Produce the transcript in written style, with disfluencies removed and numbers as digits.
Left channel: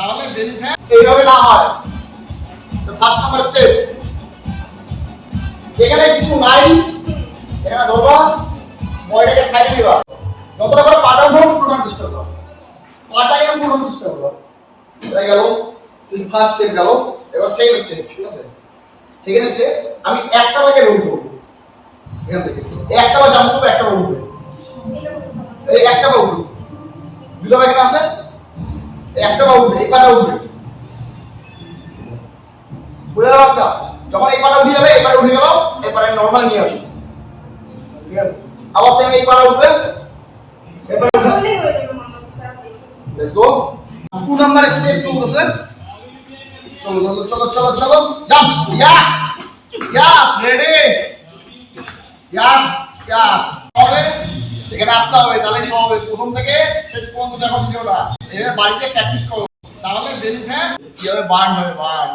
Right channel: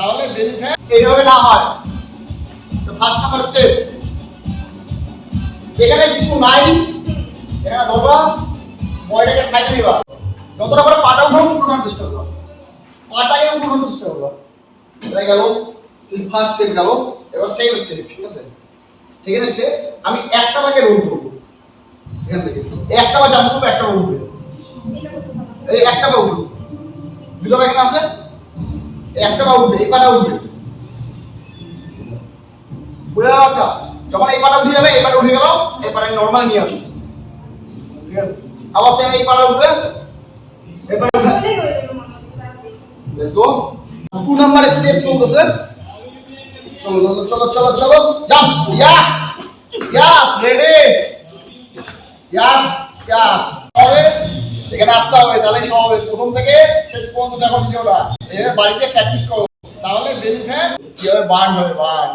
তাহলে belly fat এইভাবে না হয়। ফার্স্ট নাম্বার স্টেপ, এখানে কিছু নাই, এখানে ধরবা বডিটাকে সাইডে নিবা, যতটা করে পাটা উঠে পুরোটা চেষ্টা করো, পাটাকে পুরোটা চেষ্টা করো। এটা গেল ফার্স্ট স্টেপ গেল। এবার সেকেন্ড স্টেপ, ঠিক আছে? সেকেন্ড স্টেপ আমি একটা বাকে রোল করব, এখান থেকে একটা বা জাম্প করব, একটা বা উঠবে, এই একটা বা উঠবে, দুটো বাকে আছে, একটা বা উঠবে, এই পাটা উঠবে, বুঝে যাও না? যখন এই পাটা উঠে যাবে, এই পাটা উঠে গেল, এই পাটা নরমাল নিয়ে আসবে, ঠিক আছে? আবার সেম এই পাটা উঠবে, এই পাটা উঠবে। Let's go. 2 নাম্বার স্টেপ চলতেছে। চলো চলো চলো চলো চলো, জাম্প, ইয়াস ইয়াস, রেডি, ইয়াস ইয়াস। হবে এখানে আসতে হবে, তাহলে সব হবে। প্রথম থেকে শেষ পর্যন্ত দেখো ভিডিওটা, এভাবে বাড়িতে প্র্যাকটিস করো, তাহলে বেলি ফ্যাট কিভাবে বার্ন হবে, বার্ন।